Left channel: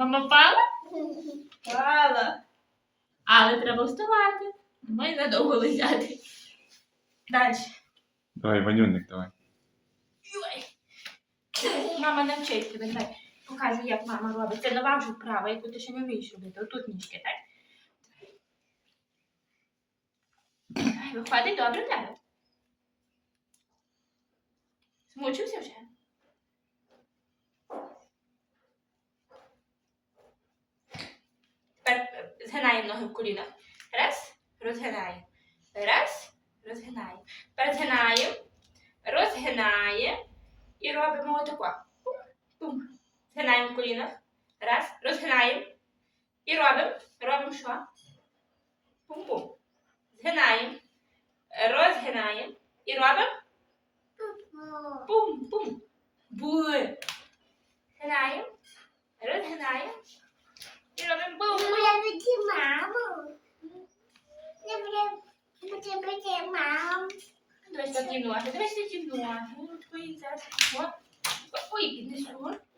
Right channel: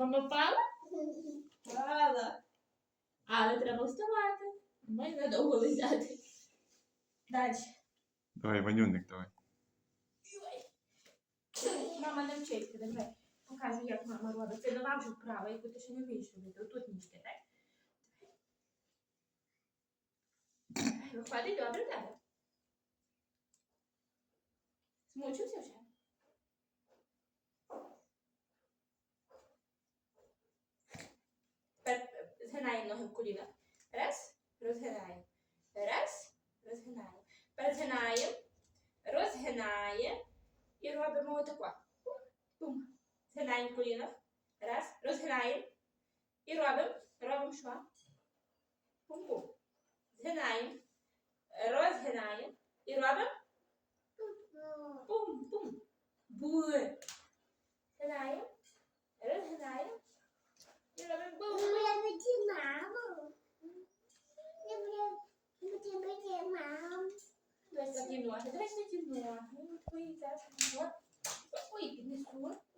Мама пала? Пала. Але треба вставати. Ми надовго лежати. Далі. Давай, ванюник, давай. Мама навчить тебе, давай. Показуй, як мама робить. Це нова вже вправа, яку ти ще не вмієш робити. Отут нічки, так? Виходить добре в тебе. Змучився вже? Ноги в колінах. Раз, розгинаємо. Раз, розгинаємо. Тепер згинаємо, розгинаємо і робимо отако. Пум. Згинаємо в. Раз, розгинаємо. І робимо. Робимо що? Пум-пум. Згинаємо. Розгинаємо. І робимо. Пум-пум. Були. Згинаємо. Розгинаємо. Dois da dinoa. Dois da dinoa. Dois da dinoa. Ui, que desculpa.